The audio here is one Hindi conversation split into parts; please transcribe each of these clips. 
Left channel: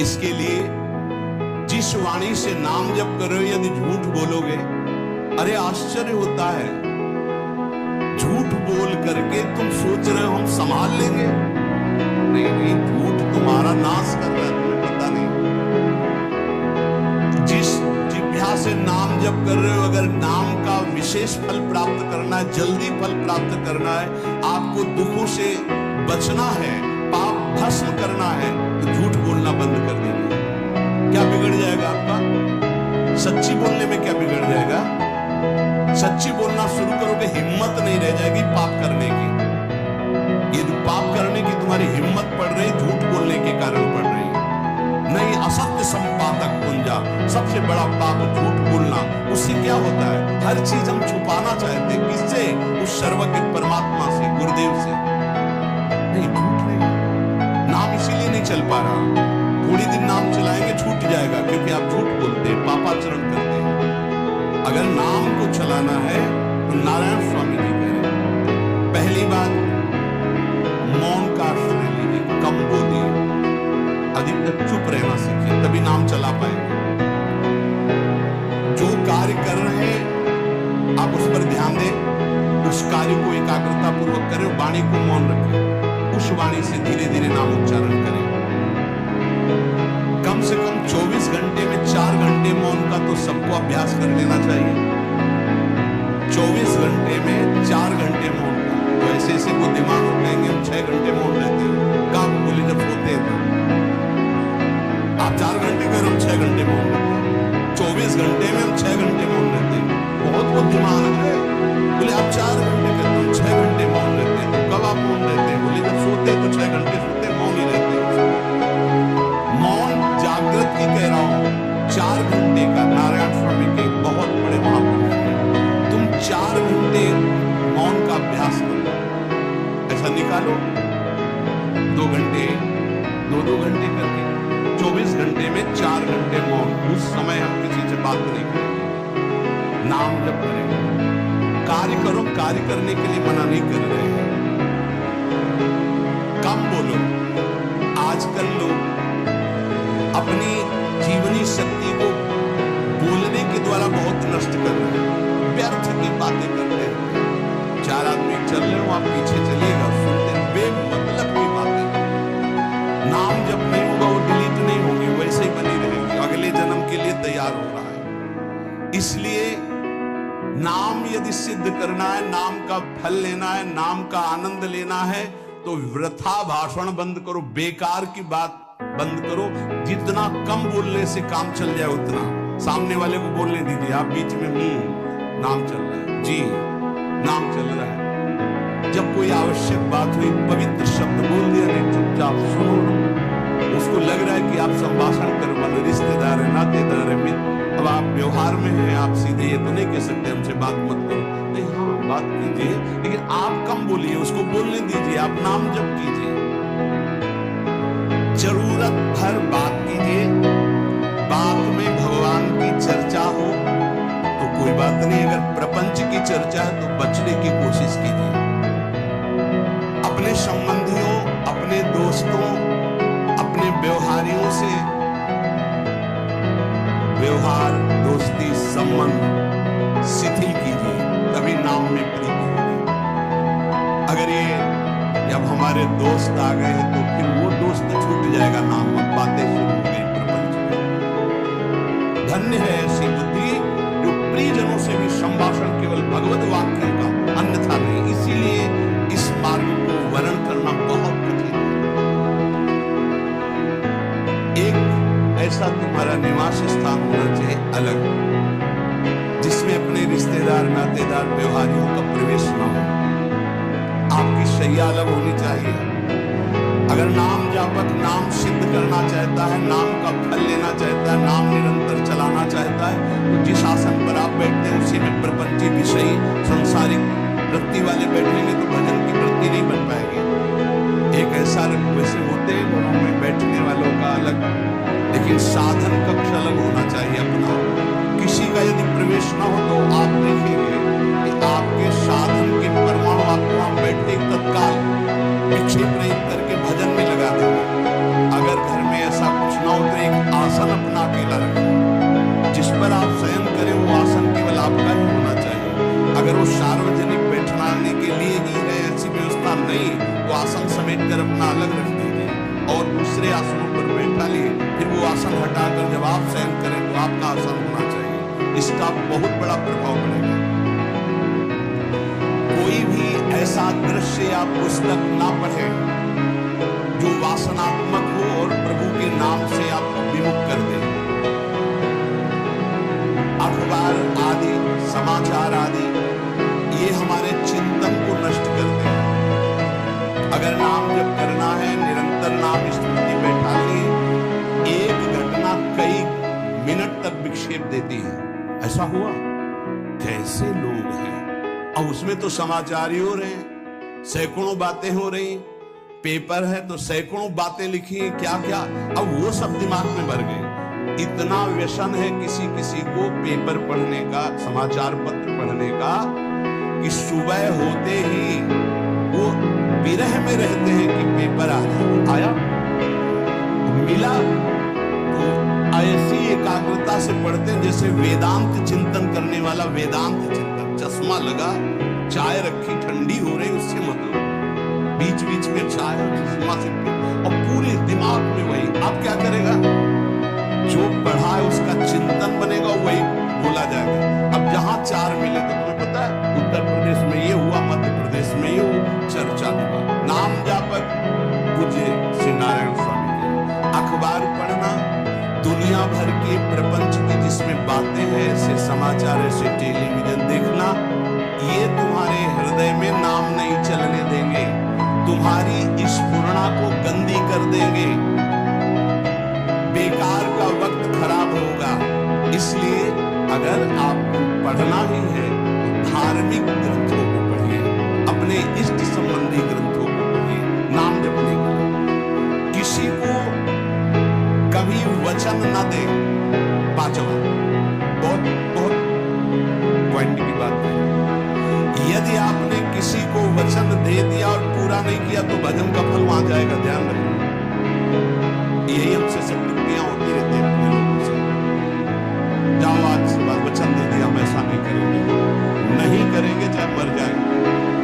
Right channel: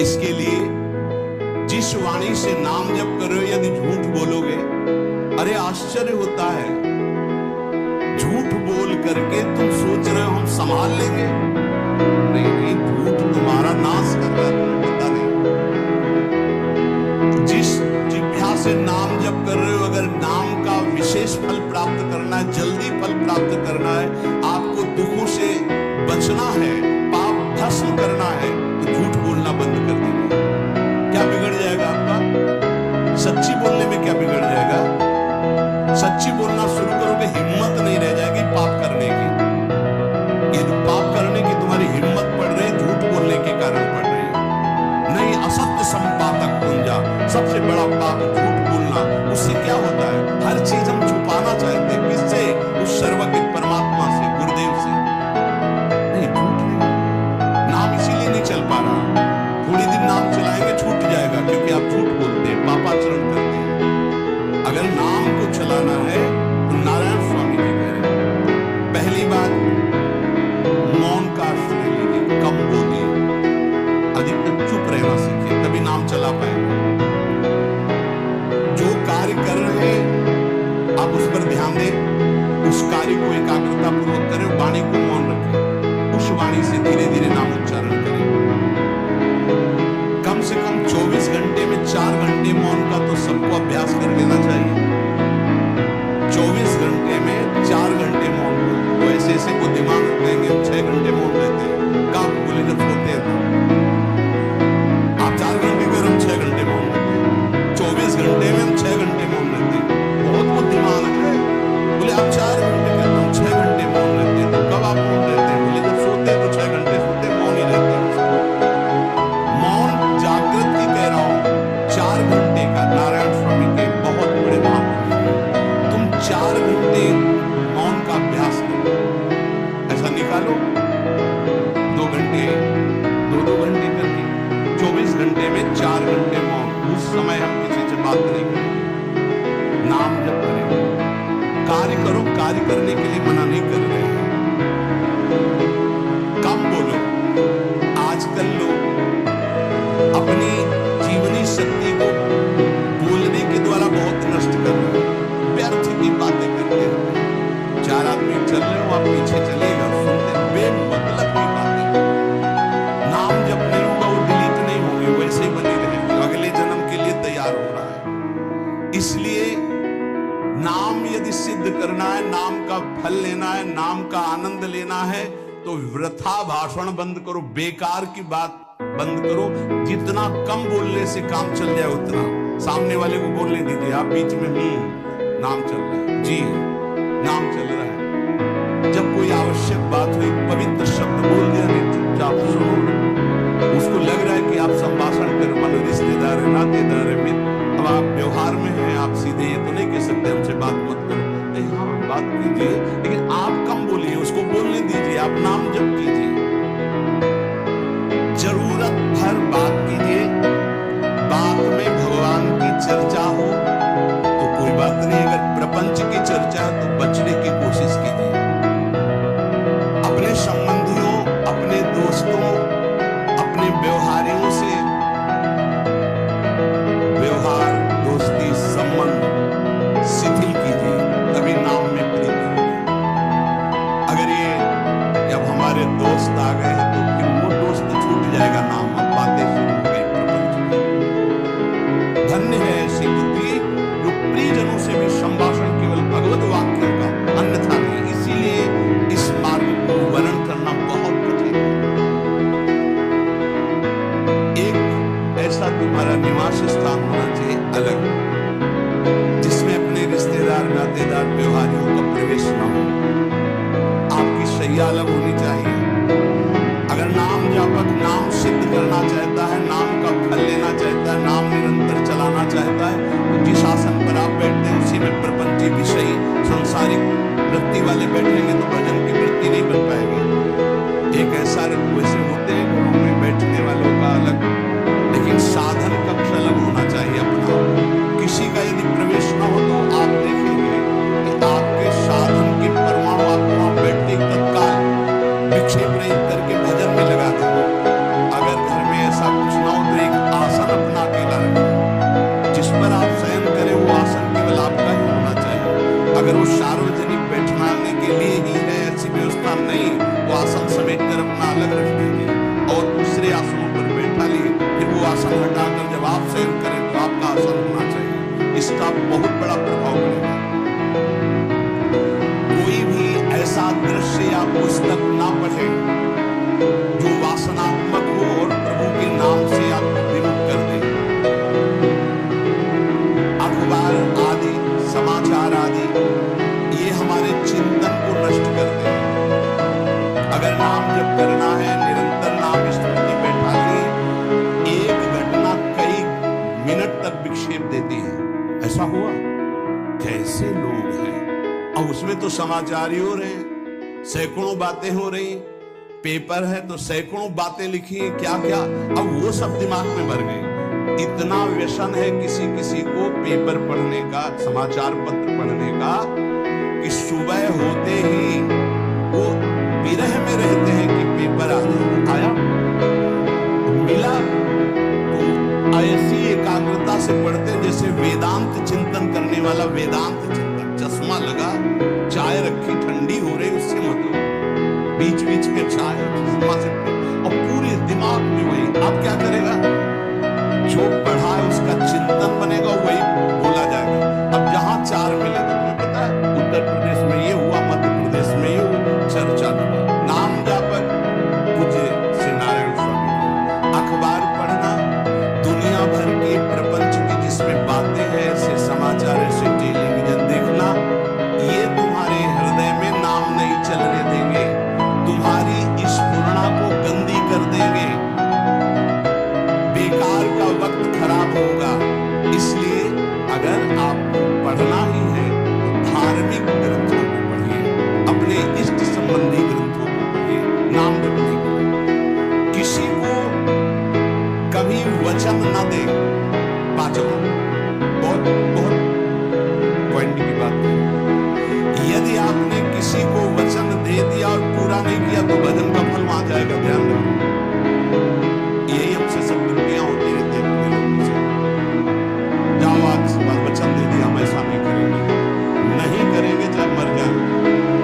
इसके लिए जिस वाणी से नाम जप कर रहे हो यदि झूठ बोलोगे, अरे आश्चर्य होता है, झूठ बोल करके तुम सोच रहे हो हम संभाल लेंगे। नहीं नहीं, झूठ तुम्हारा नाश कर रहा है, तुम्हें पता नहीं। जिस जिह्वा से नाम जप कर रहे हो, अगर नाम का विशेष फल प्राप्त करना है, जल्दी फल प्राप्त करना है, आपको दुखों से बचना है, पाप भस्म करना है, तो झूठ बोलना बंद कर दीजिए। क्या बिगड़ जाएगा आपका? सच्ची बोलने में क्या बिगड़ जाएगा? सच्ची बोलना शुरू करोगे, हिम्मत नहीं रह जाएगी पाप करने की। ये जो पाप करने की तुम्हारी हिम्मत पड़ रही, झूठ बोलने के कारण पड़ रही। नहीं, असत्य संपातक पुंजा, सबसे बड़ा पाप झूठ बोलना। उससे क्या होता है? हर चीज हम छुपाना चाहते हैं। किससे? उस सर्वज्ञ परमात्मा से, गुरुदेव से। नहीं, झूठ नहीं। नाम इसीलिए नहीं चल पा रहा। थोड़ी दिन नाम चलाएंगे छूट जाएगा, क्योंकि आप झूठ बोलते हैं, पापाचरण करते हैं। अगर नाम को चलाना है तो नारायण स्वामी जी कह रहे हैं, पहली बात मौन का आश्रय लीजिए, कम बोलिए, अधिकतर चुप रहना सीखिए, तभी नाम चला पाएंगे। जो कार्य कर रहे हैं आप उस पर ध्यान दें, उस कार्य को एकाग्रता पूर्वक करें, वाणी को मौन रखें, उस वाणी से धीरे धीरे नाम उच्चारण करें। कम से कम 24 घंटे में 4 घंटे मौन का तो सबको अभ्यास कर लेना चाहिए। 24 घंटे में 4 घंटे मौन का। वो ऐसे ऐसे वो दिमाग में कहेंगे हम 6 घंटे मौन रहते हैं, कब बोले जब सोते हैं तब। आप 4 घंटे को हम 6 घंटे मौन रहते हैं, 24 घंटे में हम 6 घंटे मौन रहते हैं। बहुत बुद्धिमान है। बोले आप 4 घंटे कहते हम 6 घंटे मौन रहते हैं, तो कब आप मौन रहते हैं? बोले जब सोते हैं तो 6 घंटे सोते, मौन ही रहते हैं। मौन जागृत की कह रहा हूं, 4 घंटे का। नारायण स्वामी के बहुत बड़े महापुरुष हैं। तुम 4 घंटे मौन का अभ्यास करो, ऐसा निकालो 2 घंटे, 2-2 घंटे करके 24 घंटे में 4 घंटे मौन। उस समय हम किसी से बात नहीं करेंगे, नाम जप करेंगे। कार्य करो, कार्य करने के लिए मना नहीं कर रहे हैं। कम बोलो। आजकल लोग अपनी जीवनी शक्ति को बोलने के द्वारा बहुत नष्ट कर रहे हैं, व्यर्थ की बातें करते हैं। 4 आदमी चल रहे हो, आप पीछे चलिएगा, सुनते बेमतलब की बातें। नाम जब नहीं होगा वो डिलीट नहीं होगी, वैसे ही बनी रहेगी, अगले जन्म के लिए तैयार हो रहा है। इसलिए नाम यदि सिद्ध करना है, नाम का फल लेना है, नाम का आनंद लेना है, तो वृथा भाषण बंद करो, बेकार की बात बंद करो। जितना कम बोलने से काम चल जाए उतना। सामने वाले को बोलने दीजिए, आप बीच में नाम चल रहा है, जी नाम चल रहा है। जब कोई आवश्यक बात हुई, पवित्र शब्द बोल दिया, नहीं चुपचाप सुनो। उसको लग रहा है कि आप संभाषण कर, मान रिश्तेदार है, नातेदार है, मित्र। अब आप व्यवहार में हैं, आप सीधे ये तो नहीं कह सकते हमसे बात मत करो। नहीं, हाँ बात कीजिए, लेकिन आप कम बोलिए, उसको बोलने दीजिए, आप नाम जप कीजिए। जरूरत भर बात कीजिए। बात में भगवान की चर्चा हो तो कोई बात नहीं, अगर प्रपंच की चर्चा है तो बचने की कोशिश कीजिए। अपने संबंधियों, अपने दोस्तों, अपने व्यवहारियों से व्यवहार, दोस्ती, संबंध शिथिल कीजिए, तभी नाम में प्रीति होगी। अगर ये जब हमारे दोस्त आ गए हैं तो फिर वो दोस्त छूट जाएगा नाम, अब बातें शुरू हो गई प्रपंच में। धन्य है ऐसी बुद्धि जो प्रियजनों से भी संभाषण केवल भगवत वाक्यों का, अन्यथा नहीं। इसीलिए इस मार्ग को वर्णन करना बहुत कठिन है। एक ऐसा तुम्हारा निवास स्थान होना चाहिए अलग, जिसमें अपने रिश्तेदार, नातेदार, व्यवहारियों का प्रवेश न हो। आपकी शैया अलग होनी चाहिए। अगर नाम जापक नाम सिद्ध करना चाहता है, नाम का फल लेना चाहता है, नाम निरंतर चलाना चाहता है, तो जिस आसन पर आप बैठते हैं उसी में प्रपंची, विषयी, सांसारिक वृत्ति वाले बैठेंगे तो भजन की वृत्ति नहीं बन पाएगी। एक ऐसा वैसे होते हैं घरों में बैठने वालों का अलग, लेकिन साधन कक्ष अलग होना चाहिए अपना। किसी का यदि प्रवेश न हो तो आप देखेंगे कि आपके साधन के परमाणु आपको वहां बैठते तत्काल विक्षेप रहित करके भजन में लगा देंगे। अगर घर में ऐसा कुछ ना हो तो एक आसन अपना अकेला रखें, जिस पर आप शयन करें वो आसन केवल आपका ही होना चाहिए। अगर वो सार्वजनिक बैठने के लिए ही है, ऐसी व्यवस्था नहीं, तो आसन समेट कर अपना अलग रख दीजिए और दूसरे आसनों पर बैठा लिए, फिर वो आसन हटाकर जब आप शयन करें तो आपका आसन होना चाहिए। इसका बहुत बड़ा प्रभाव पड़ेगा। कोई भी ऐसा दृश्य या पुस्तक ना पढ़े जो वासनात्मक हो और प्रभु के नाम से आपको विमुख कर दे। अखबार आदि, समाचार आदि, ये हमारे चिंतन को नष्ट करते हैं। अगर नाम जप करना है, निरंतर नाम स्मृति बैठानी, एक घटना कई मिनट तक विक्षेप देती है। ऐसा हुआ, कैसे लोग हैं। अब उसमें तो समाचार ही हो रहे हैं, सैकड़ों बातें हो रही, पेपर है तो सैकड़ों बातें लिखी हैं, क्या क्या, अब वो सब दिमाग में भर गए। इतना व्यसन है किसी किसी को पेपर पढ़ने का, समाचार पत्र पढ़ने का, कि सुबह होते ही वो विरह में रहते हैं कि पेपर आया तो मिला, तो ऐसी एकाग्रता से पढ़ते हैं जैसे वेदांत चिंतन करने वाला वेदांत चिंतन। चश्मा लगा, चाय रखी, ठंडी हो रही, उससे मतलब बीच बीच में चाय और चश्मा से और पूरे दिमाग में वही। अब क्या करेगा, जो पढ़ा है उसका चिंतन बनेगा, वही बोला जाएगा। अब जहां चार मिले तो तुम्हें पता है उत्तर प्रदेश में ये हुआ, मध्य प्रदेश में ये हुआ, चर्चा दिमाग। नाम जापक पूज्य श्री नारायण स्वामी के। अखबार पढ़ना, दुनिया भर के प्रपंच की जिसमें बातें हैं, ऐसे समाचार, ऐसे टेलीविजन देखना, ये तुम्हारे हृदय में नाम नहीं चलने देंगे, तुम्हारी स्फुरणा को गंदी कर देंगे, बेकार का वक्त खराब होगा। इसलिए अगर आपको पढ़ना ही है तो धार्मिक ग्रंथों को पढ़िए, अपने इष्ट संबंधी ग्रंथों को पढ़िए नाम जपने के लिए। किसी को कभी वचन न दे। पांचवा, बहुत बहुत पॉइंट की बात है, यदि आपने किसी को वचन दे दिया और पूरा नहीं किया तो भजन का फल वहां जाएगा, ध्यान रखिए। यही हमसे सब त्रुटियां होती रहती है अपने लोगों से। जाओ आज वचन दे दिया, हम ऐसा नहीं करेंगे, नहीं करेंगे चाहे मर जाए।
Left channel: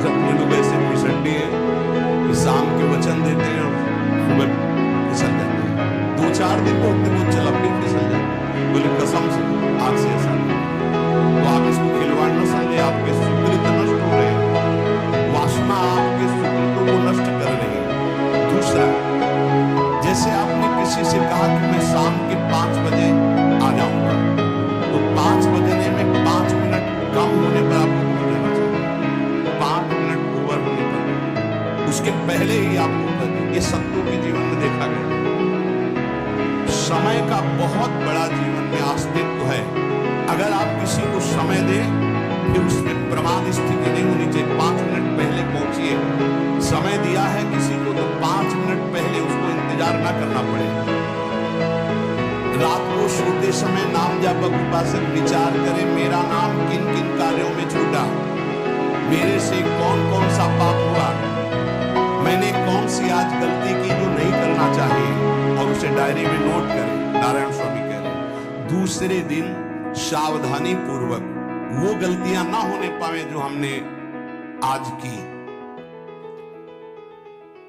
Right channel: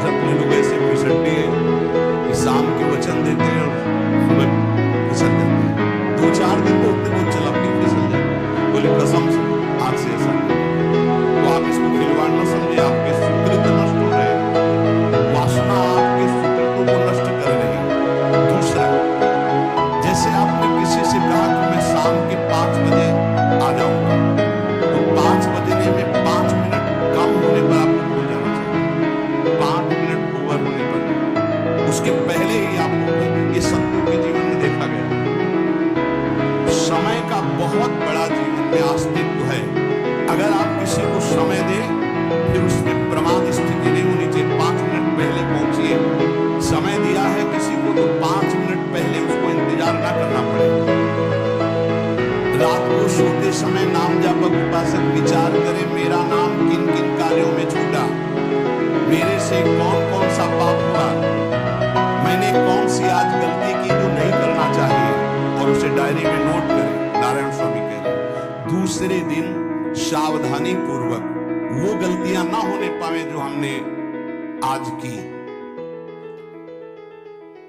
अपने लोग ऐसे फिसड्डी हैं कि शाम के वचन देते हैं और सुबह फिसल जाते हैं। 2-4 दिन बोलते बहुत चला, फिर फिसल जाते हैं। बोले कसम से आज से ऐसा नहीं। तो आप इसको खिलवाड़ न समझे, आपके सुकृत नष्ट हो रहे हैं, वासना आपके सुकृतों को नष्ट कर रही है। दूसरा, जैसे आपने किसी से कहा कि मैं शाम के 5 बजे आ जाऊंगा, तो 5 बजने में 5 मिनट कम होने पर आपको पहुंच जाना चाहिए। 5 मिनट ओवर होने पर, उसके पहले ही आपको, ये संतों के जीवन में देखा गया, समय का बहुत बड़ा जीवन में अस्तित्व है। अगर आप किसी को समय दें, फिर उसमें प्रमाद स्थिति नहीं होनी चाहिए। 5 मिनट पहले पहुंचिए। समय दिया है किसी को तो 5 मिनट पहले उसको इंतजार ना करना पड़े। रात को सोते समय नाम जापक उपासक विचार करें, मेरा नाम किन किन कार्यों में छूटा, मेरे से कौन कौन सा पाप हुआ, मैंने कौन सी आज गलती की जो नहीं करना चाहिए, और उसे डायरी में नोट करें। नारायण स्वामी कह रहे दूसरे दिन सावधानी पूर्वक वो गलतियां ना होने पावे जो हमने आज की।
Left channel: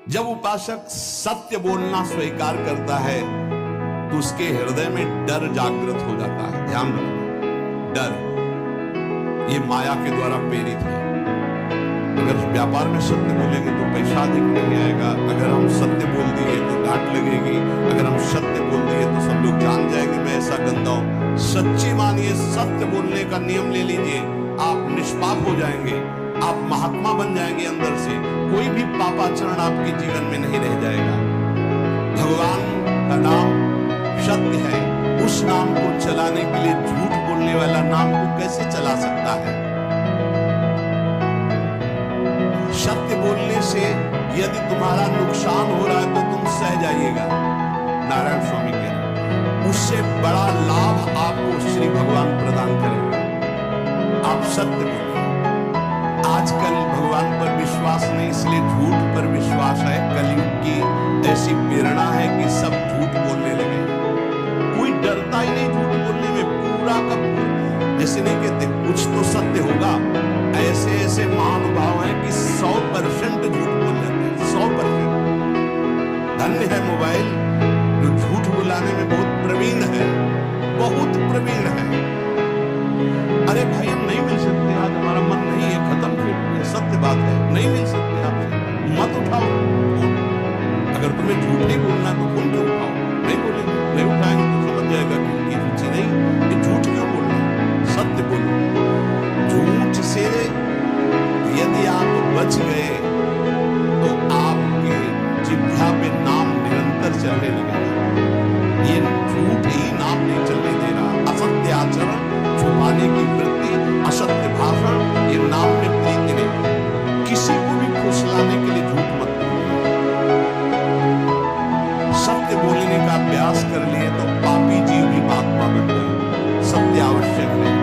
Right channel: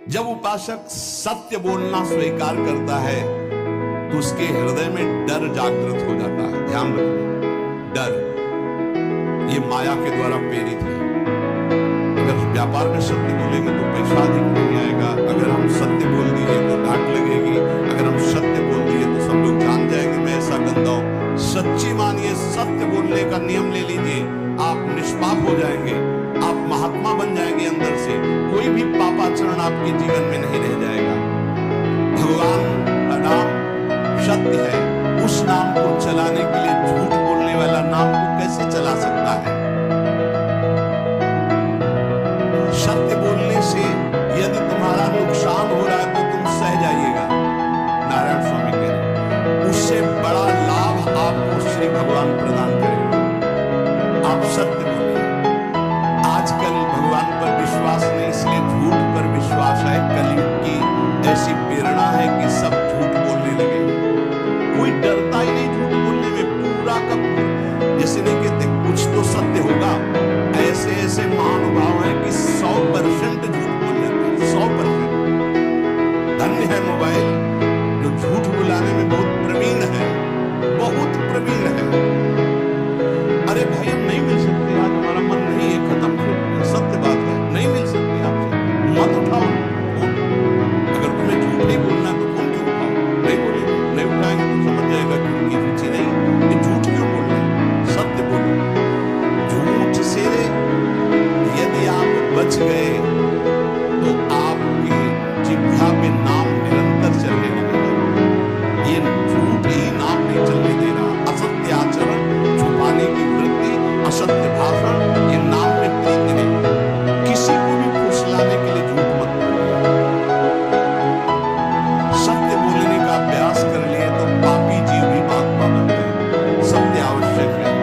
जब उपासक सत्य बोलना स्वीकार करता है तो उसके हृदय में डर जागृत हो जाता है। ध्यान रखना, डर ये माया के द्वारा प्रेरित है। अगर व्यापार में सत्य बोलेंगे तो पैसा अधिक नहीं आएगा, अगर हम सत्य बोल दिए तो डांट लगेगी, अगर हम सत्य बोल दिए तो सब लोग जान जाएंगे मैं ऐसा गंदा हूं। सच्ची मानिए, सत्य बोलने का नियम ले लीजिए, आप निष्पाप हो जाएंगे, आप महात्मा बन जाएंगे अंदर से। कोई भी पापाचरण आपके जीवन में नहीं रह जाएगा। भगवान का नाम सत्य है, उस नाम को चलाने के लिए झूठ बोलने वाला नाम को कैसे चला सकता है? सत्य बोलने से यदि तुम्हारा नुकसान हो रहा है तो तुम सह जाइएगा। नारायण स्वामी कह रहे उससे बड़ा लाभ आपको श्री भगवान प्रदान करेंगे। आप सत्य बोलिए। आजकल भगवान पर विश्वास नहीं, इसलिए झूठ पर विश्वास है। कलयुग की ऐसी प्रेरणा है कि सब झूठ बोलने लगे। कोई डरता ही नहीं झूठ बोलने में, पूरा का पूरा। जैसे नहीं कहते कुछ तो सत्य होगा, ऐसे ऐसे महानुभाव हैं कि 100% झूठ बोल जाते हैं, 100%। धन्य है मोबाइल जो झूठ बुलाने में बहुत प्रवीण है, बहुत प्रवीण है। अरे भाई हम नहीं मिल सकते, आज हमारा मन नहीं है, खत्म, फिर सत्य बात है, नहीं मिल सकते आपसे, मत उठाओ फोन। अगर तुम्हें झूठ ही बोलना तो फोन क्यों उठाओ? नहीं बोलेंगे, नहीं उठाएंगे तो समझ जाएगा कि उनकी रुचि नहीं। ये झूठ क्यों बोलना, सत्य बोलो। झूठ से यदि आप बच गए तो आपके जिह्वा पे नाम निरंतर चलने लगेगा। ये झूठ ही नाम नहीं चलने दे रहा। असत्य आचरण, छुपाने की वृत्ति, असत्य भाषण, ये नाम में प्रीति नहीं। किसी को भी फुसलाने के लिए झूठ मत बोलिए। सत्य बोलने का अभ्यास कर लिए तो पापी जीव भी महात्मा बन गए। सत्य आवश्यक है।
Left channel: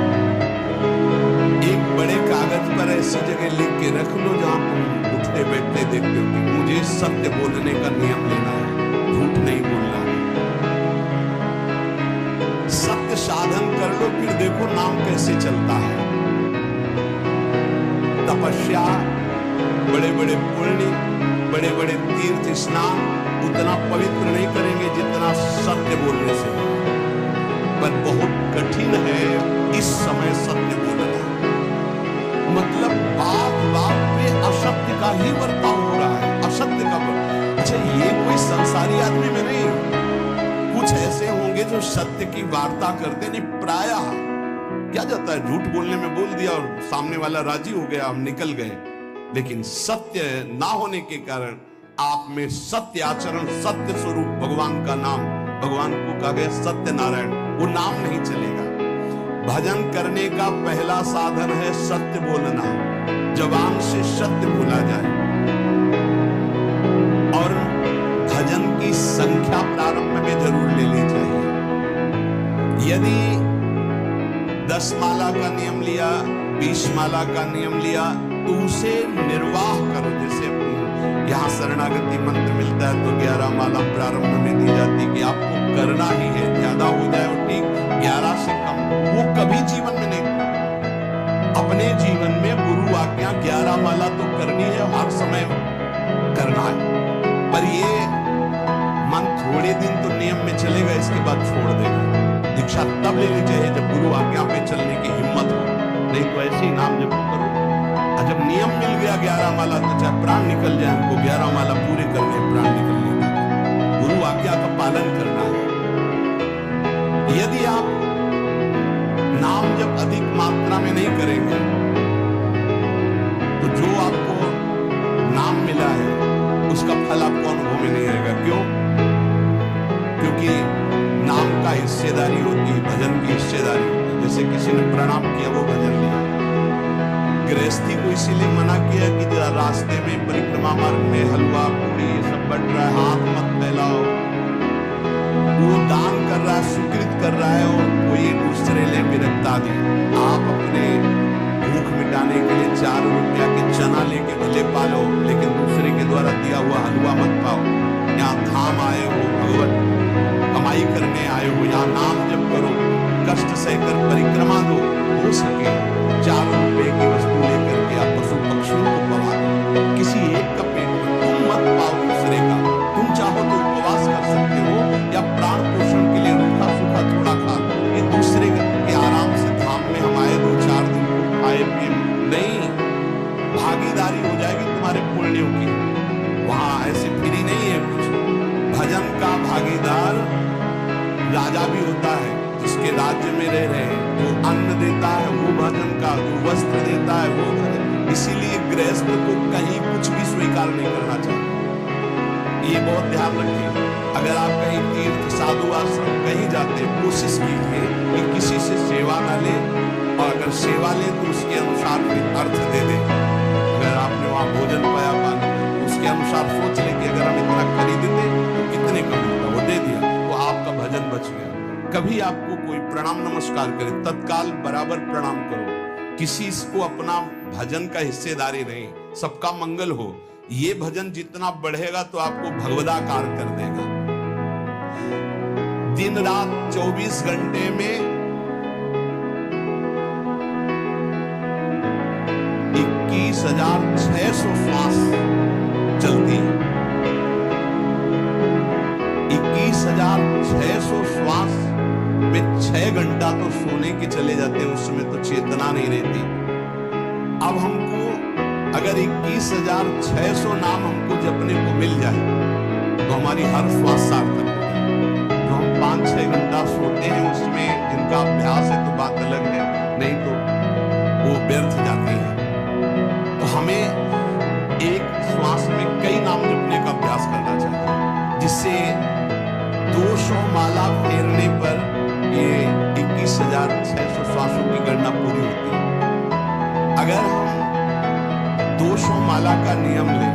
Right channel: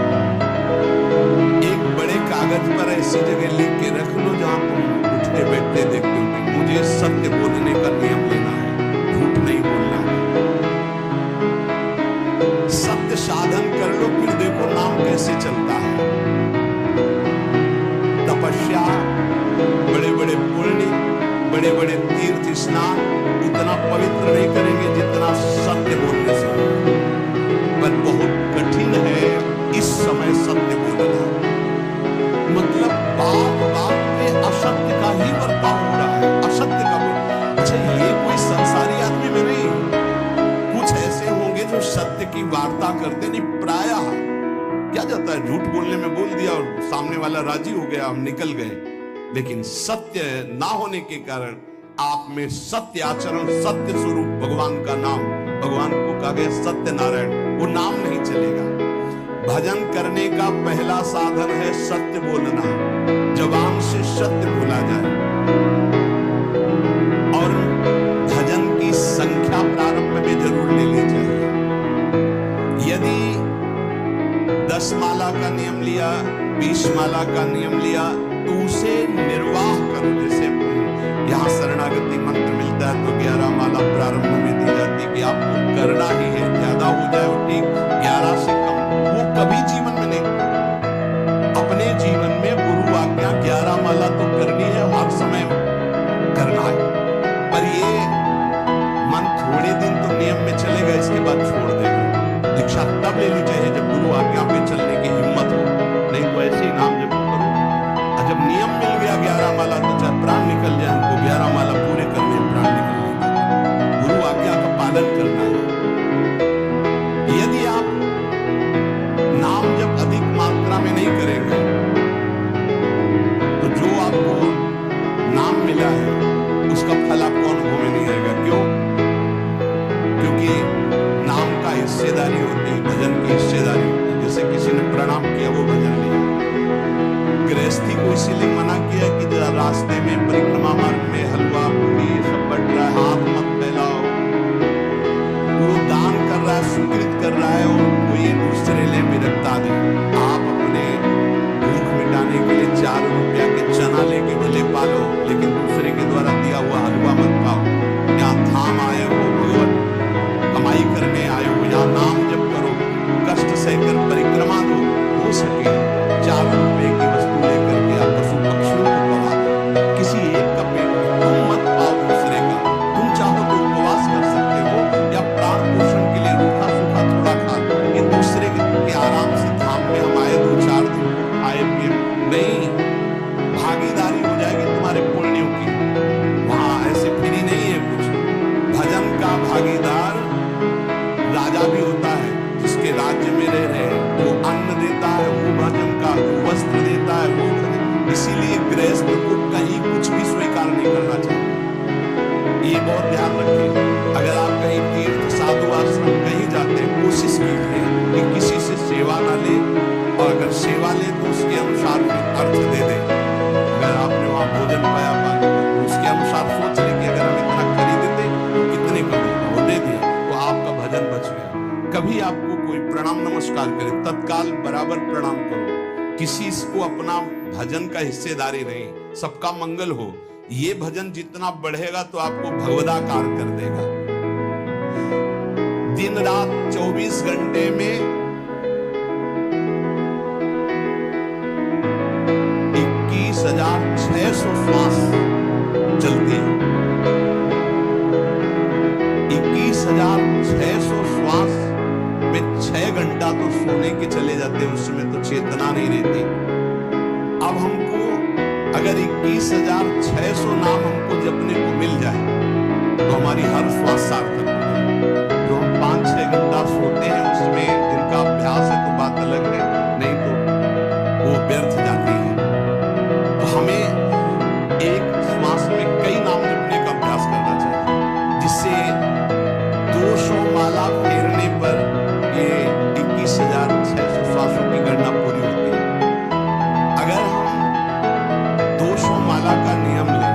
एक बड़े कागज पर ऐसी जगह लिख के रख लो जहां तुम उठते बैठते देखते हो कि मुझे सत्य बोलने का नियम लेना है, झूठ नहीं बोलना है। सत्य साधन कर लो, फिर देखो नाम कैसे चलता है। तपस्या, बड़े बड़े पुण्य, बड़े बड़े तीर्थ स्नान उतना पवित्र नहीं करेंगे जितना सत्य बोलने से होगा। पर बहुत कठिन है इस समय सत्य बोलना। मतलब बात बात पे असत्य का ही वर्ताव हो रहा है, असत्य का। अच्छा, ये कोई संसारी आदमी में नहीं, कुछ ऐसे होंगे जो सत्य की वार्ता करते नहीं। प्रायः क्या जाता है, झूठ बोलने में बोल दिया और सामने वाला राजी हो गया, हम निकल गए। लेकिन सत्य ना होने के कारण आप में सत्य आचरण, सत्य स्वरूप भगवान का नाम, भगवान को कहा गया सत्य नारायण, वो नाम नहीं चलेगा। भजन करने का पहला साधन है सत्य बोलना। जबान से सत्य बोला जाए। और भजन की संख्या प्रारंभ में जरूर ले ली चाहिए। यदि 10 माला का नियम लिया, 20 माला का नियम लिया, तो उसे निर्वाह करो। जैसे यहाँ शरणागति मंत्र मिलता है तो 11 माला प्रारंभ में दी जाती है कि आपको करना ही है, ज्यादा हो जाए वो ठीक, 11 से कम वो कभी जीवन में नहीं। अपने जीवन में गुरु आज्ञा 11 माला तो करनी है, हर समय करना है। पर ये मन थोड़े दिन तो नियम में चलेगा, इसके बाद छोड़ देगा। दीक्षा तब लेनी चाहिए जब गुरु आज्ञा पे चलने की हिम्मत हो, नहीं तो ऐसे ही नाम जप करो। और जब नियम मिल गया 11 माला तो चाहे प्राण निकल जाए, हमको 11 माला पूरे करने, प्राण निकलने का गुरु आज्ञा का पालन करना है। यदि आप नाम जब अधिक मात्रा में नहीं करेंगे तो जो आपको नाम मिला है उसका फल आपको अनुभव में नहीं आएगा। क्यों? क्योंकि नाम का हिस्सेदारी होती है, भजन की हिस्सेदारी होती है। जैसे किसी ने प्रणाम किया, वो भजन लिया। गृहस्थी को इसीलिए मना किया कि रास्ते में परिक्रमा मार्ग में हलवा पूरी ये सब बट रहा है, हाथ मत फैलाओ। वो दान कर रहा है, स्वीकृत कर रहा है, और कोई दूसरे ले विरक्ता दी। आप अपने भूख मिटाने के लिए 4 रुपया के चना लेके भले पालो, लेकिन दूसरे के द्वारा दिया हुआ हलवा मत पाओ। यहाँ धाम आए हो, भगवत कमाई करने आए हो, यहाँ नाम जप करो, कष्ट सहकर परिक्रमा दो। हो सके 4 रुपए की वस्तु लेकर के आप पशु पक्षियों को पवा दो। किसी एक का पेट तुम मत पाओ दूसरे का। तुम चाहो तो उपवास कर सकते हो, या प्राण पोषण के लिए रूखा सूखा थोड़ा खा लो। ये दूसरे के आराम से धाम में हम आए 2-4 दिन को खाए पिए नहीं, भागीदारी हो जाएगी तुम्हारे पुण्यों की। वहां ऐसे फ्री नहीं है कुछ। भजन का भागीदार राजा भी होता है, जिसके राज्य में रह रहे हैं। जो अन्न देता है वो भजन का, जो वस्त्र देता है वो भजन। इसीलिए गृहस्थ को कहीं कुछ भी स्वीकार नहीं करना चाहिए। ये बहुत ध्यान रखें। अगर आप कहीं तीर्थ, साधु आश्रम कहीं जाते, कोशिश कीजिए कि किसी से सेवा ना ले, और अगर सेवा ले तो उसके अनुसार फिर अर्थ दे दे। अगर आपने वहां भोजन पाया तो उसके अनुसार सोच ले कि अगर हम इतना खरीदते तो कितने का मिलता, वो दे दिया तो आपका भजन बच गया। कभी आपको कोई प्रणाम नमस्कार करे, तत्काल बराबर प्रणाम करो। किसी को अपना भजन का हिस्सेदारी नहीं, सबका मंगल हो। ये भजन जितना बढ़ेगा तो आपको भगवदाकार कर देगा। दिन रात 24 घंटे में 21,600 श्वास चलती है। 21,600 श्वास में 6 घंटा तो सोने के चले जाते, उसमें तो चेतना नहीं रहती। अब हमको अगर 21,600 नाम हमको जपने को मिल जाए तो हमारी हर श्वास सार्थक हो जाए। जो हम 5-6 घंटा सोते हैं उसमें जिनका अभ्यास है तो बात अलग है, नहीं तो वो व्यर्थ जाती है। तो हमें एक श्वास में कई नाम जपने का अभ्यास करना चाहिए, जिससे 200 माला फेरने पर ये 21,600 श्वासों की गणना पूरी होती है। अगर हम 200 माला का नियम लें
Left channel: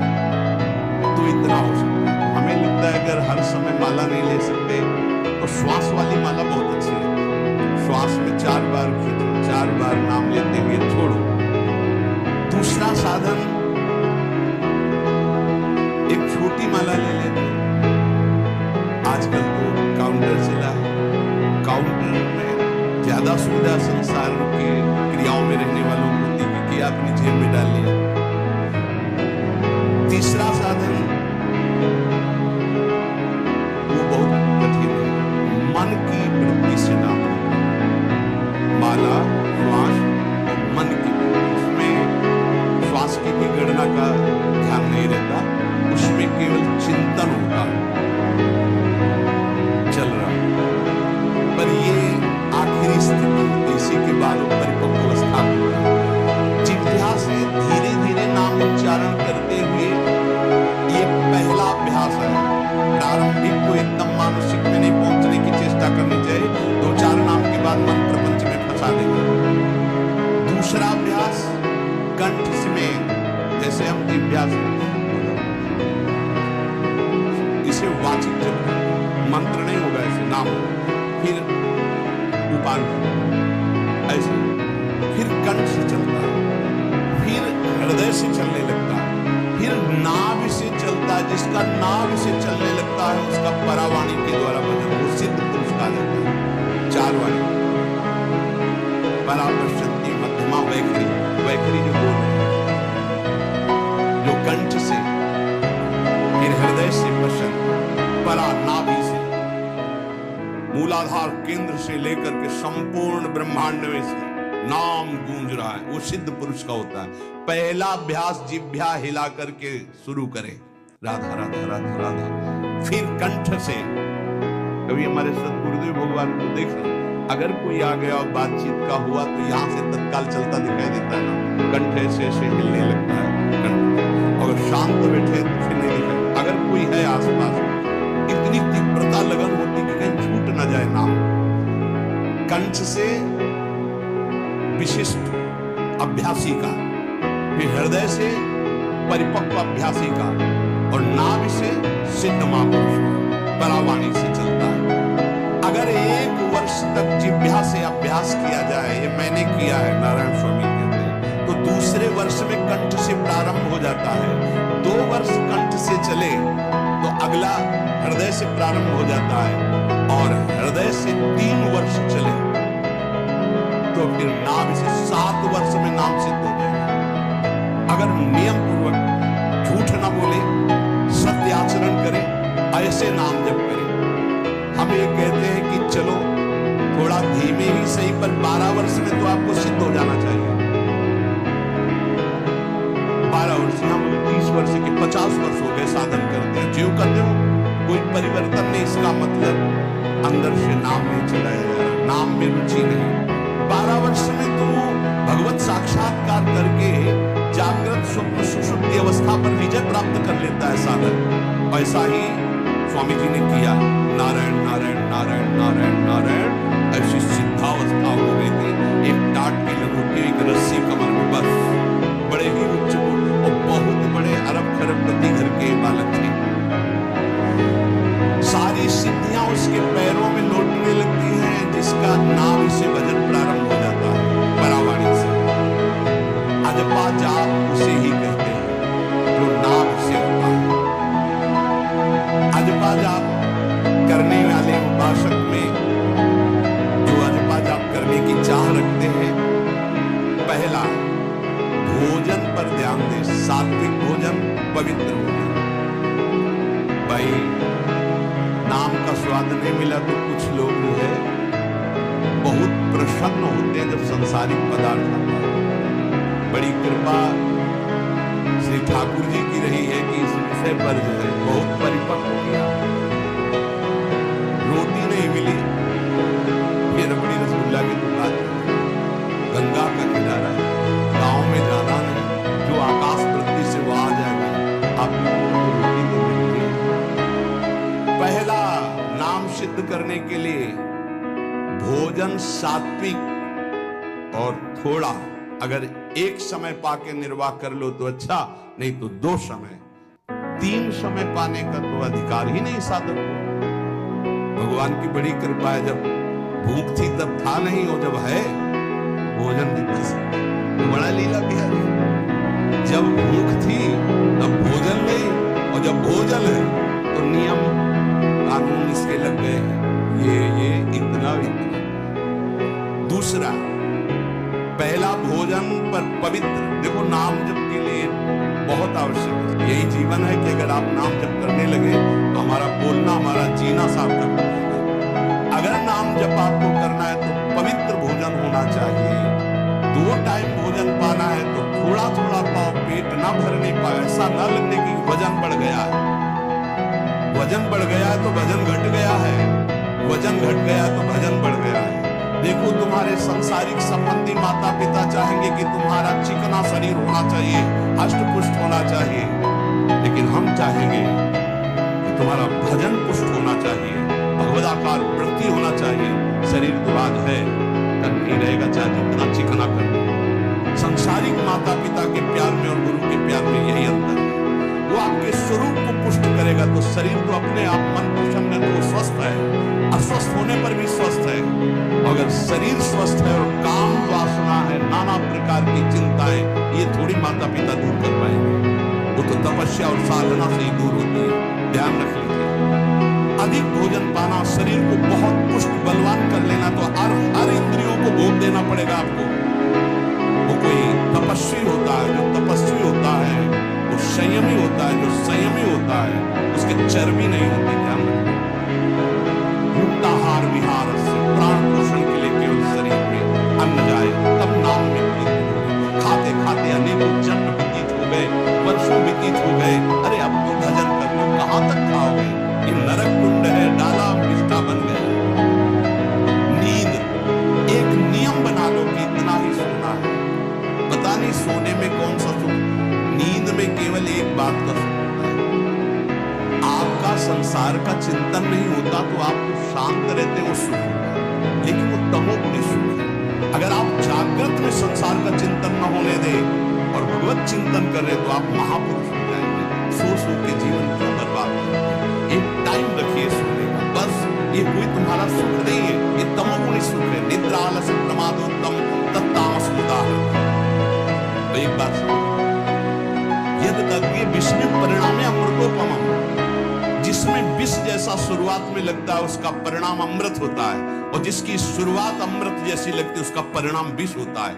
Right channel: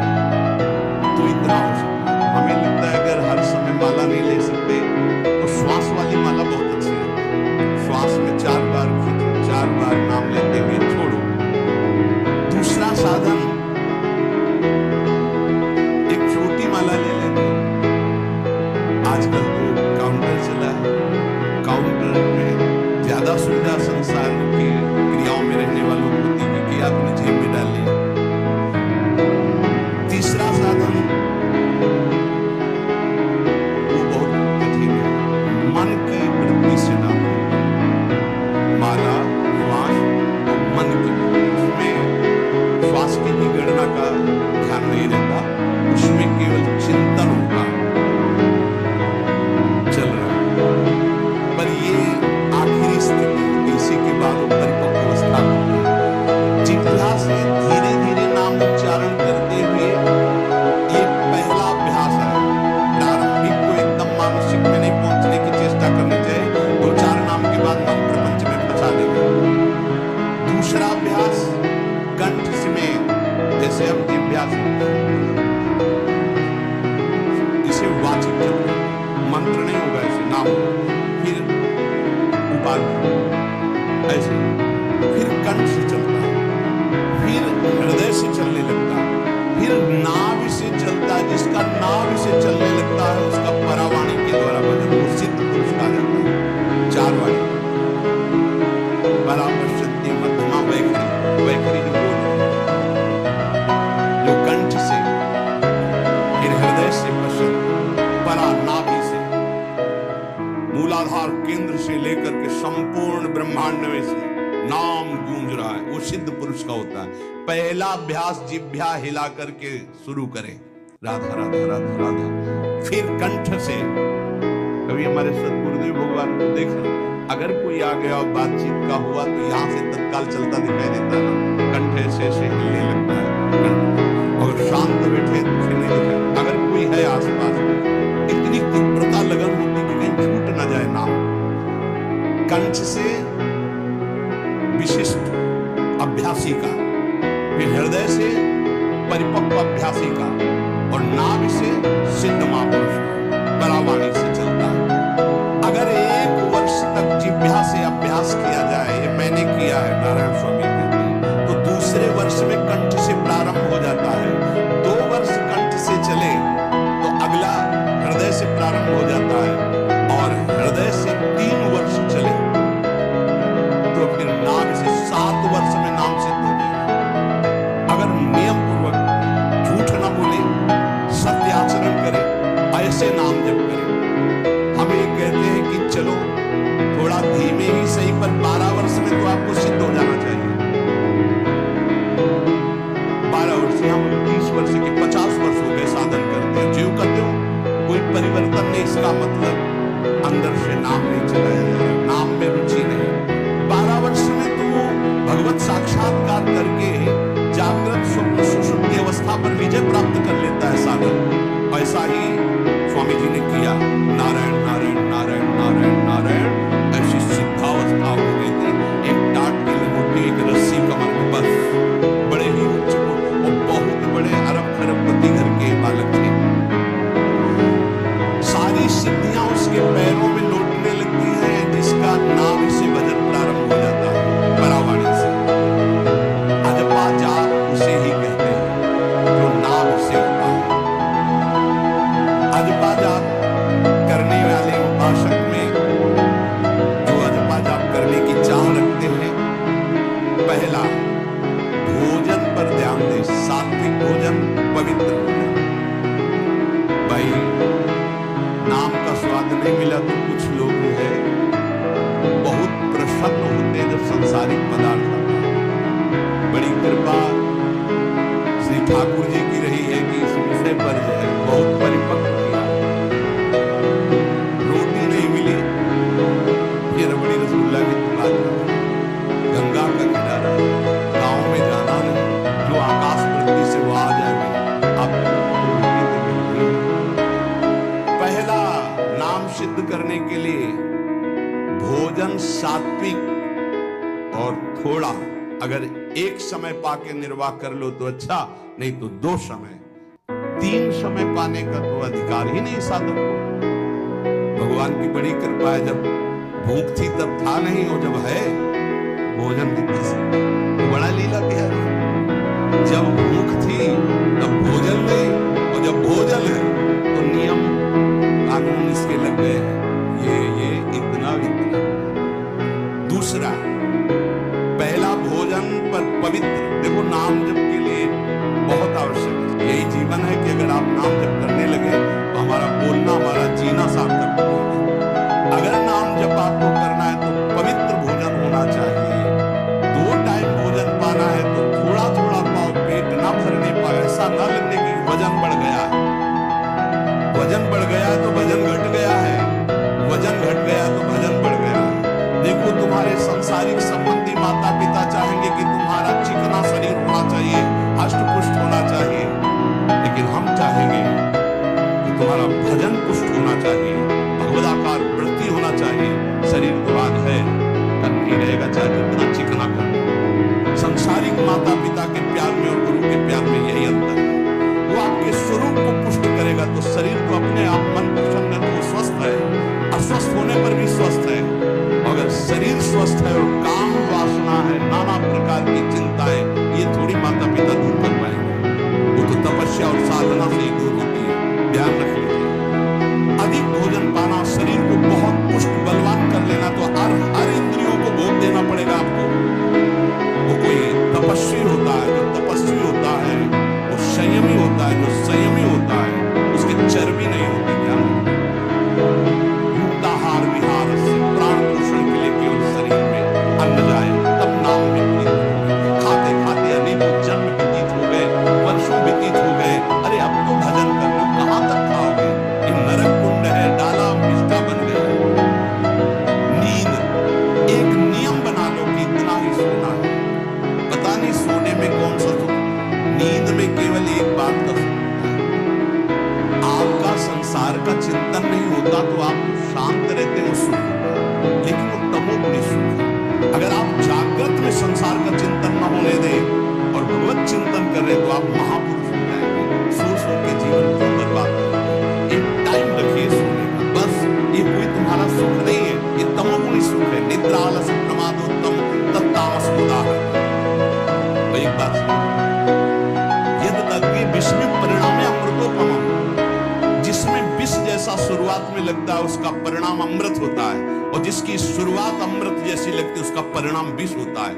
तो इतना हो सकता है। हमें लगता है अगर हर समय माला नहीं ले सकते तो श्वास वाली माला बहुत अच्छी है। श्वास में 4 बार खींचो, 4 बार नाम लेते हुए छोड़ो। दूसरा साधन, एक छोटी माला ले लेते हो। आजकल तो काउंटर चला है, काउंटर में ज्यादा सुविधा संसार की क्रियाओं में रहने वालों को होती है कि आपने जेब में डाल लिया। तीसरा साधन वो बहुत कठिन है, मन की वृत्ति से नाम माला, श्वास और मन की वृत्ति। उसमें श्वास की भी गणना का ध्यान नहीं रहता, उसमें केवल चिंतन होता चल रहा है। पर ये आखिरी स्थिति होती, इसी के बाद वो परिपक्व अवस्था होता है। जिह्वा से धीरे धीरे नाम उच्चारण करते हुए ये पहला अभ्यास है। प्रारंभिक को एकदम मानसिक में नहीं पहुंचने की चेष्टा करनी चाहिए, 2-4 नाम के बाद मन प्रपंच में फंसा देगा। दूसरा अभ्यास कंठ में, जैसे हम जिह्वा से इसे वाचिक जप मंत्र नहीं होगा, ऐसे नाम होगा, फिर उपान ऐसे, फिर कंठ से चलता है, फिर हृदय से चलने लगता है, फिर नाभि से चलता है। जिसका नाभि से चलने लगता है उसका परावाणी के द्वारा भजन, वो सिद्ध पुरुष कहा जाता है। 4 वाणी, परापश्यंती, मध्यमा, वैखरी। वैखरी जो बोल रहे हैं, जो कंठ से, फिर हृदय से पश्यंती, परा नाभि से, मूलाधार केंद्र से लेकर के संपूर्ण ब्रह्मांड में इसमें नाम गूंज रहा है, वो सिद्ध पुरुष का होता है। पहला अभ्यास जिह्वा हिला करके शुरू करें, राधा राधा राधा राधा। फिर कंठ से, कभी हमारे सतगुरुदेव भगवान को देखना, अगर कोई आ गया और बातचीत का हुआ तो यहां से तत्काल चलता दिखाई देता है ना, कंठ ऐसे ऐसे हिलने लगता है कंठ। अगर शांत बैठे तो फिर नहीं दिखाई। अगर कोई है आसपास, इतनी तीव्रता लगन होती कि कहीं छूट न जाए नाम। कंठ से विशिष्ट अभ्यासी का, फिर हृदय से परिपक्व अभ्यासी का, और नाभि से सिद्ध महापुरुष का, परावाणी से चलता है। अगर 1 वर्ष तक जिह्वा से अभ्यास किया जाए, ये मैंने किया है, नारायण स्वामी कहते हैं, तो दूसरे वर्ष में कंठ से प्रारंभ हो जाता है। 2 वर्ष कंठ से चले तो अगला हृदय से प्रारंभ हो जाता है, और हृदय से 3 वर्ष चले तो फिर नाम से 7 वर्ष में नाम सिद्ध हो जाएगा। अगर नियम पूर्वक झूठ न बोले, सत्य आचरण करे, ऐसे नाम जप करे। हम ये कहते हैं कि चलो थोड़ा धीमे ही सही, पर 12 वर्ष में तो आपको सिद्ध हो जाना चाहिए। 12 वर्ष, यहाँ बोले 30 वर्ष के 50 वर्ष हो गए साधन करते हैं, जीव करते हो, कोई परिवर्तन नहीं। इसका मतलब अंदर से नाम नहीं चलाया जा रहा, नाम में रुचि नहीं। 12 वर्ष में तो भगवत साक्षात्कार करके जागृत स्वप्न सुषुप्ति अवस्था पर विजय प्राप्त कर लेता है साधक। ऐसा ही स्वामी जी ने किया, नारायण नारायण नारायण नारायण नारायण, ऐसी सिद्धावस्था हो गई थी। एक टाट की लंगोटी, एक रस्सी कमर में, बस। बड़े ही उच्च कोट और बहुत बड़े अरब खरबपति घर के बालक थे। सारी सिद्धियां उसके पैरों में लौटने लगती हैं, जिसका नाम से भजन प्रारंभ हो जाता है, परावाणी से। अजपा दशक में जो अजपा जाप करने की चाह रखते हैं, पहला भोजन पर ध्यान दें, सात्विक भोजन, पवित्र भोजन। भाई नाम का स्वाद नहीं मिला तो कुछ लोग जो है बहुत प्रसन्न होते हैं जब सांसारिक पदार्थ आता है। बड़ी कृपा श्री ठाकुर जी की रही है कि इस विषय पर जो है बहुत परिपक्व किया। रोटी नहीं मिली, फिर बड़ी रसगुल्ला की दुकान, गंगा का किनारा, गांव में जाना नहीं, जो आकाश पृथ्वी से वो आ जाए वही आपको रोटी तो मिलती है। पहला नाम सिद्ध करने के लिए भोजन सात्विक और थोड़ा, अगर एक समय पाके निर्वाह कर लो तो अच्छा, नहीं तो 2 समय, 3 समय पाने का तो अधिकार ही नहीं साधक को। भगवान की बड़ी कृपा है, जब भूख थी तब था नहीं, और जब है भोजन दिखा तो बड़ा लीला बिहारी। जब भूख थी तब भोजन नहीं, और जब भोजन है तो नियम कानून इसके लग गए हैं, ये इतना। दूसरा, पहला भोजन पर पवित्र। देखो नाम जप के लिए बहुत आवश्यक है, यही जीवन है कि अगर आप नाम जप करने लगे तो हमारा बोलना, हमारा जीना सार्थक हो जाएगा। अगर नाम जप आपको करना है तो पवित्र भोजन होना चाहिए। 2 टाइम भोजन पाना है तो थोड़ा थोड़ा पाओ, पेट ना भरने पाए, ऐसा ना लगने की वजन बढ़ गया है। वजन बढ़ गया है तो भजन घट गया है, वजन घट गया तो भजन बढ़ गया है। देखो तुम्हारे संसारिक संबंधी माता पिता चाहेंगे कि तुम्हारा चिकना शरीर होना चाहिए, हष्ट पुष्ट होना चाहिए, लेकिन हम चाहेंगे कि तुम्हारा भजन पुष्ट होना चाहिए, भगवदाकार वृत्ति होना चाहिए। शरीर तो आज है, कल नहीं रहेगा, चाहे जितना चिकना कर लो। संसारिक माता पिता के प्यार में और गुरु के प्यार में यही अंतर है। वो आपके स्वरूप को पुष्ट करेगा तो शरीर तो अपने आप, मन प्रसन्न है तो वो स्वस्थ है, अस्वस्थ होने पर भी स्वस्थ है। अगर शरीर स्वस्थ है और काम वासना है, नाना प्रकार की चिंताएं, ये थोड़ी माता पिता दूर कर पाएंगे। वो तो तपस्या और साधना से ही दूर होती है, ध्यान रख लीजिए। अधिक भोजन पाना, शरीर को बहुत पुष्ट बलवान कर लेना, तो हर इंद्रियों को भोग देना पड़ेगा आपको। वो कोई तपस्वी होता है, जो तपस्वी होता है वो संयमी होता है, जो संयमी होता है उसके चर्बी नहीं होती। ध्यान रखना, युक्ताहार विहार से प्राण पोषण के लिए केवल शरीर में अन्न जाए तब नाम में प्रीति होगी। खाते खाते अनेकों जन्म व्यतीत हो गए, वर्षों व्यतीत हो गए, अरे अब तो भजन कर लो, कहां तक खाओगे? ये नरक कुंड है, डाला मिष्ठा बन गया। नींद एक नियम बना लो कि इतना ही सोना है। पता नहीं सोने में कौन सा सुख, नींद में केवल एक बात का सुख होता है, आपका संसार का चिंतन नहीं होता तो आप तो शांत रहते हो, सुख होता है, लेकिन वो तमोगुणी सुख है। अगर आप जागृत में संसार का चिंतन न होने दें और भगवत चिंतन कर रहे तो आप महापुरुष हो जाएंगे। सो सो के जीवन क्यों बर्बाद करेंगे? एक टाइम रखिए सोने का, बस। ये कोई तुम्हारा सुख नहीं है, ये तमोगुणी सुख है। निद्रा आलस्य प्रमादोत्तम तत्तामस उदाहरण। एक बात सुनो, यद तज्ञे विष में परिणामे अमृतोपमम्, जिसमें विष जैसा शुरुआत में लगता है उसका परिणाम अमृत होता है, और जिसकी शुरुआत अमृत जैसी लगती है उसका परिणाम विष होता है।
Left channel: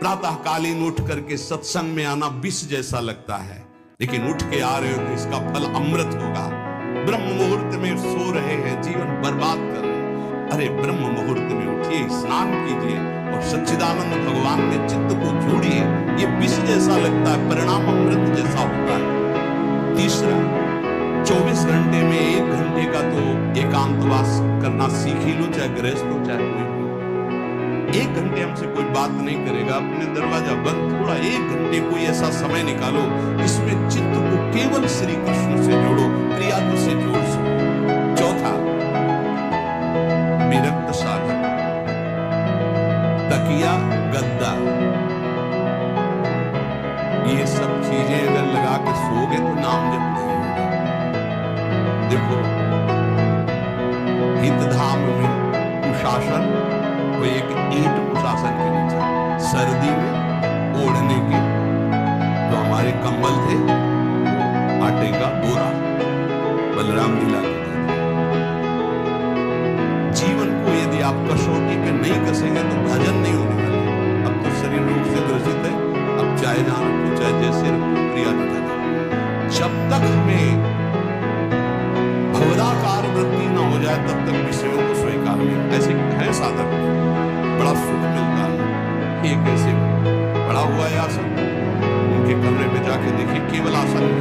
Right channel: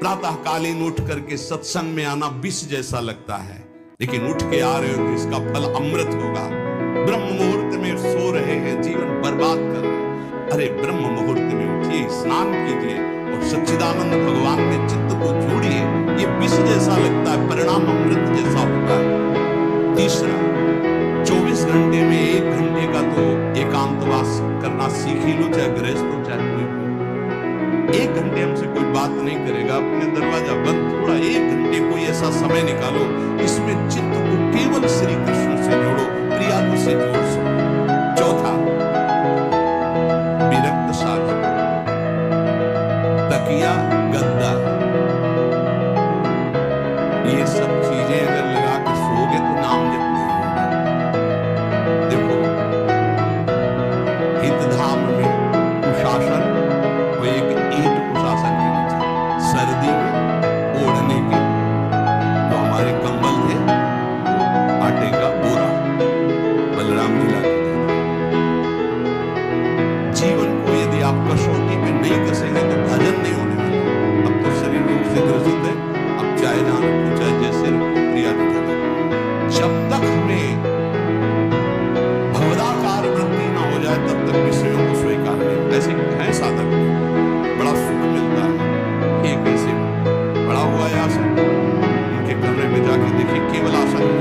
प्रातः कालीन उठ करके सत्संग में आना विष जैसा लगता है, लेकिन उठ के आ रहे हो तो इसका फल अमृत होगा। ब्रह्म मुहूर्त में सो रहे हैं, जीवन बर्बाद कर रहे हैं, अरे ब्रह्म मुहूर्त में उठिए, स्नान कीजिए और सच्चिदानंद भगवान में चित्त को जोड़िए। ये विष जैसा लगता है, परिणाम अमृत जैसा होता है। तीसरा, 24 घंटे में 1 घंटे का तो एकांतवास करना सीख ही लो, चाहे गृहस्थ हो चाहे कोई भी। 1 घंटे हमसे कोई बात नहीं करेगा, अपने दरवाजा बंद, थोड़ा 1 घंटे कोई ऐसा समय निकालो इसमें चित्त को केवल श्री कृष्ण से जोड़ो, प्रियालु से जोड़ सको। चौथा, विरक्त साधक, तकिया गद्दा, ये सब चीजें अगर लगा के सोओगे तो नाम जप नहीं होगा। देखो हितधाम में कुशासन, वो एक ईंट कुशासन के नीचे, सर्दी में ओढ़ने के जो हमारे कंबल थे आटे का बोरा बलराम जी लाके देते। आप कसौटी पे नहीं कसेंगे तो भजन नहीं होने वाला। अब तो शरीर रोग से ग्रसित है, अब चाहे जहां रखो चाहे जैसे रखो, प्रिया जुटा। जब तक हमें भवदाकार वृत्ति ना हो जाए तब तक विषयों को स्वीकार नहीं। ऐसे हैं साधक, बड़ा सुख मिलता है। एक ऐसे बड़ा हुआ है आसन, इनके कमरे में जाके देखिए, केवल आसन ही।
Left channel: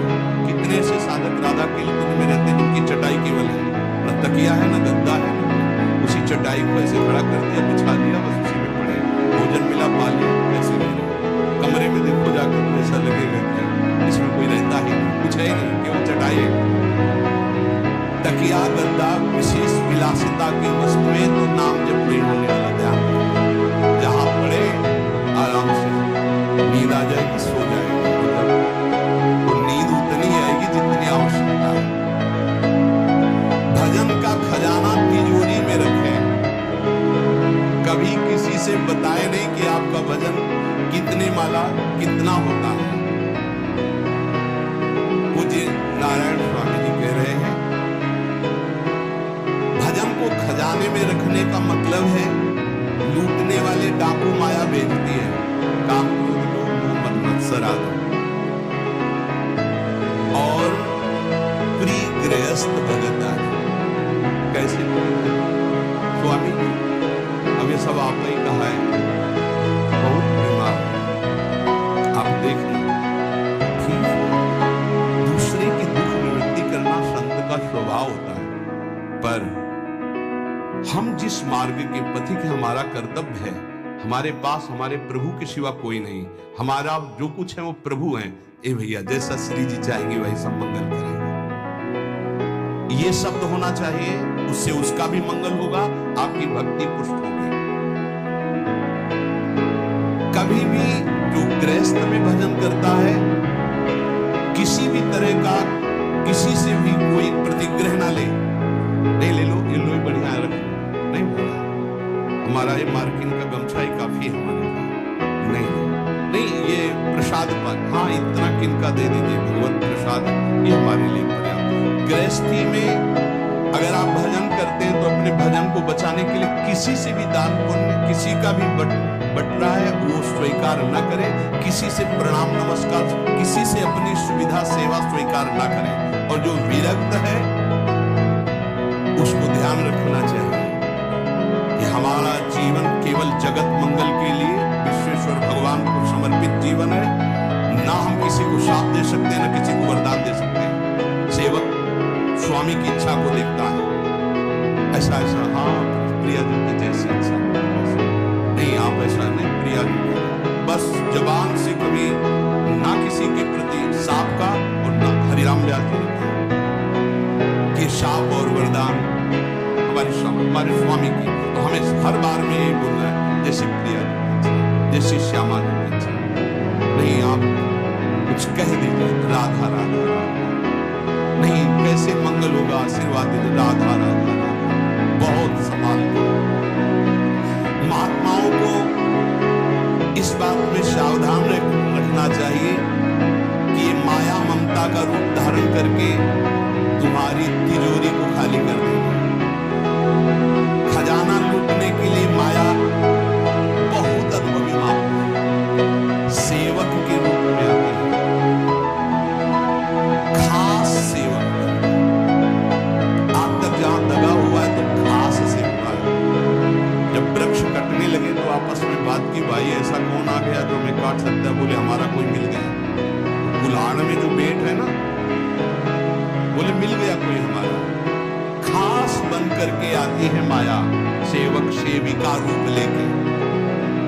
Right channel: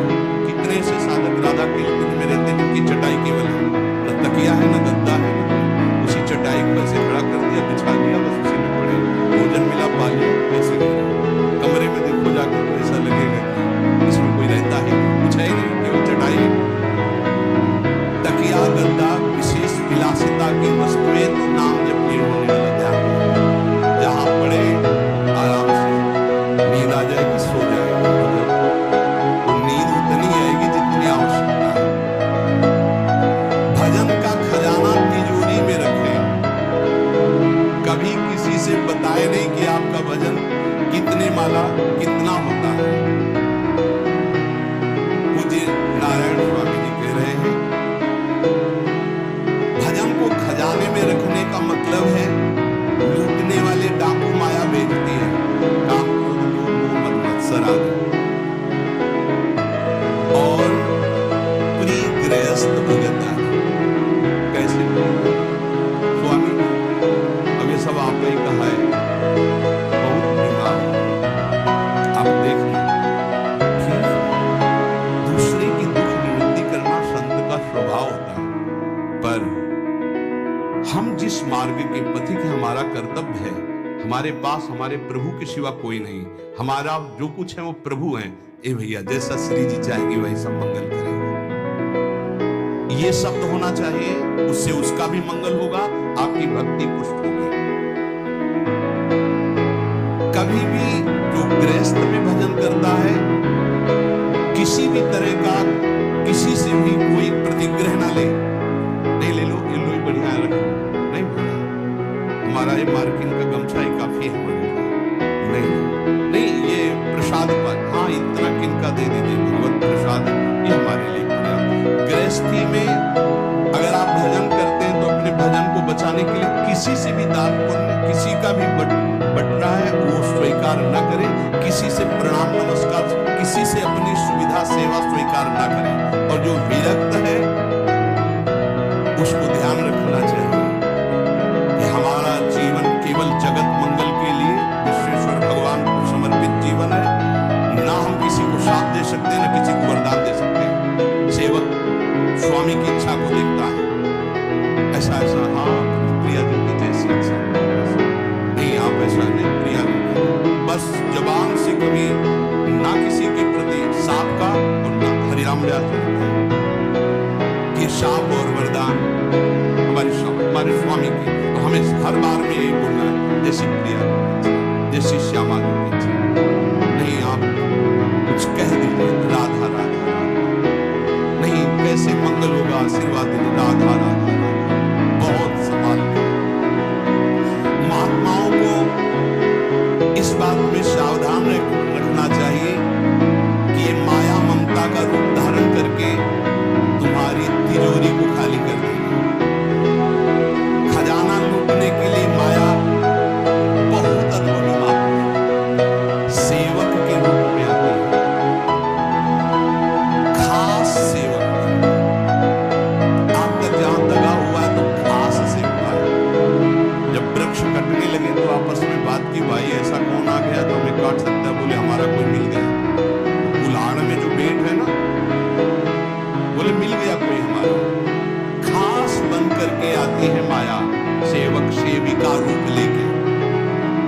कितने ऐसे साधक राधा के कुंज में रहते हैं जिनकी चटाई केवल है, न तकिया है न गद्दा है, न उसी चटाई को ऐसे खड़ा कर दिया, बिछा दिया, बस उसी में पड़े, भोजन मिला पा लिया, ऐसे रह रहे। कमरे में देखो जाके तो ऐसा लगेगा कि इसमें कोई रहता ही नहीं, कुछ है ही नहीं, केवल चटाई है। तकिया गद्दा विशेष विलासिता की वस्तुएं तो नाम जब नहीं होने वाला। ध्यान, जहां पड़े आराम से नींद आ जाएगी, सो जाएगी। मतलब तो नींद उतनी आएगी जितनी आवश्यकता है। भजन का खजाना तिजोरी में रखें, कभी किसी से बताए नहीं कि आपका भजन कितने माला कितना होता है। पूज्य नारायण स्वामी जी कह रहे हैं, भजन को खजाने में रखने का मतलब है लूटने वाले डाकू माया बेचती है, काम क्रोध लोभ मोह मद मत्सर आदि, और प्रिय गृहस्थ भगत आदि। कैसे स्वामी जी, अब ये सब आपका ही कहा है, बहुत बीमार आप देखना। ठीक, दूसरे की दुख निवृत्ति करना संत का स्वभाव होता है, पर हम जिस मार्ग के पथिक है, हमारा कर्तव्य है, हमारे पास हमारे प्रभु के सिवा कोई नहीं, हमारा जो कुछ है वो प्रभु है। ए भैया, जैसा श्री जी चाहेंगे वही सब मंगल करेंगे, ये शब्द होना चाहिए, उससे उसका भी मंगल होगा, आपकी भक्ति पुष्ट होगी। कभी भी जो गृहस्थ में भजन करता है, किसी भी तरह का किसी से भी कोई प्रतिग्रह ना ले, नहीं ले लो, ये लो ही बढ़िया रख, नहीं बोला हमारा ये मार्किन का गमछा ही काफी है हमारे लिए, नहीं, ये प्रसाद पर, हाँ इतना किनका दे दीजिए, भगवत प्रसाद है, ये हमारे लिए पर्याप्त। गृहस्थी में अगर आप भजन करते हैं तो अपने भजन को बचाने के लिए किसी से भी दान पुण्य, किसी का भी बट रहा है वो स्वीकार न करें, किसी से प्रणाम नमस्कार, किसी से अपनी सुविधा सेवा स्वीकार न करें। और जो विरक्त है उसको ध्यान रखना चाहिए कि हमारा जीवन केवल जगत मंगल के लिए विश्वेश्वर भगवान को समर्पित जीवन है। ना हम किसी को शाप दे सकते हैं, ना किसी को वरदान दे सकते हैं। सेवक स्वामी की इच्छा को देखता है, ऐसा ऐसा, हाँ प्रिया जी की जैसी इच्छा नहीं, आप ऐसा नहीं, प्रिया जी बस जबान से कभी ना किसी के प्रति शाप का, और ना हरिराम व्यास जी ने कहा कि शाप और वरदान हमारे स्वामी की, तो हमें हर बार में यही बोलना है, जैसी प्रिया जैसी श्यामा जी की इच्छा। नहीं, आप कुछ कह दीजिए, राधा राधा राधा, नहीं कैसे मंगल होगा, आशीर्वाद दीजिए, राधा राधा राधा, बहुत संभाल के। महात्माओं को इस बात में सावधान रखना चाहिए कि ये माया ममता का रूप धारण करके तुम्हारी तिजोरी को खाली कर देगी। खजाना लूटने के लिए माया बहुत अनुभवी माँ सेवक के रूप में आती है, खास सेवक। आप तक जहां दगा हुआ है तो खास सेवक है। जब वृक्ष कटने लगे तो आपस में बात की, भाई ऐसा कौन आ गया जो हमें काट सकता है? बोले हमारा कोई मिल गया। तो कुल्हाड़ में जो बेट है ना, बोले मिल गया कोई हमारा। खास बन करके आती है माया, सेवक सेविका रूप लेके।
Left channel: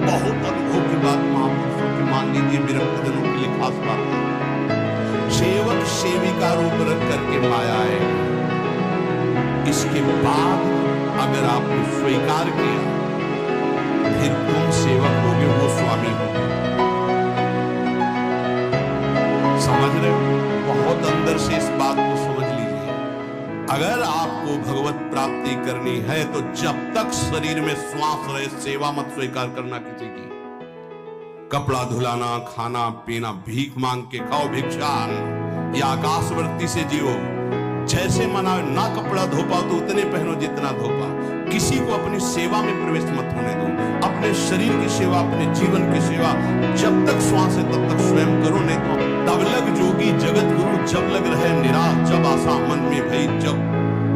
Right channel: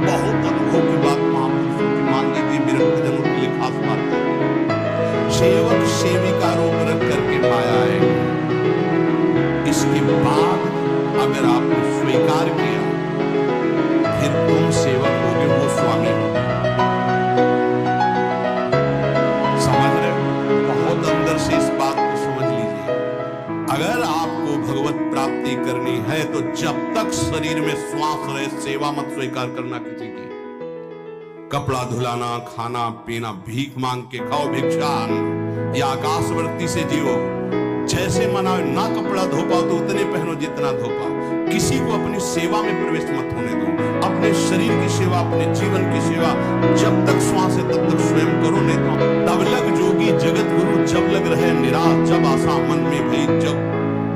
बहुत अनुभव की बात महापुरुषों की, मान लीजिए विरक्त जनों के लिए खास बात है। सेवक सेविका रूप रख करके माया आएगी। इसके बाद अगर आपने स्वीकार किया, फिर तुम सेवक होगे, वो स्वामी होगे। समझ रहे हो? बहुत अंदर से इस बात को समझ लीजिए। अगर आपको भगवत प्राप्ति करनी है तो जब तक शरीर में श्वास रहे, सेवा मत स्वीकार करना किसी की। कपड़ा धुलाना, खाना पीना, भीख मांग के खाओ, भिक्षान, या आकाशवर्ती से जियो। जैसे मनाओ, ना कपड़ा धो पाओ तो उतने पहनो जितना धो पाओ। किसी को अपनी सेवा में प्रवेश मत होने दो। अपने शरीर की सेवा, अपने जीवन की सेवा जब तक श्वास है तब तक स्वयं करो, नहीं तो तब लग जोगी जगत गुरु, जब लग रहे निराश, जब आशा मन में भई, जब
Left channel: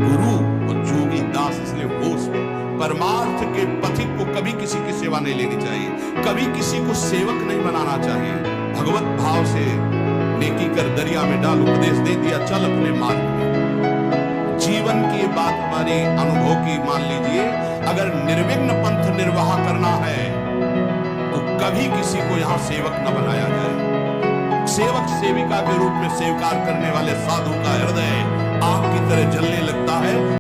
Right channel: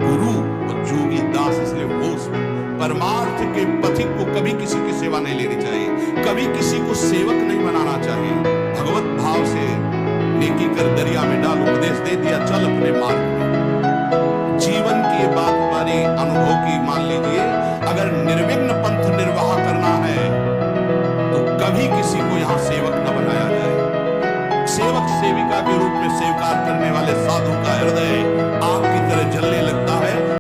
गुरु और जोगी दास। इसलिए होश में परमार्थ के पथिक को कभी किसी की सेवा नहीं लेनी चाहिए, कभी किसी को सेवक नहीं बनाना चाहिए। भगवत भाव से नेकी कर दरिया में डाल, उपदेश दे दिया चल अपने मार्ग में। जीवन की ये बात हमारी अनुभव की मान लीजिए, अगर निर्विघ्न पंथ निर्वाह करना है तो कभी किसी को यहां सेवक न बनाया जाए। सेवक सेविका के रूप में स्वीकार करने वाले साधु का हृदय आग की तरह जलने लगता है।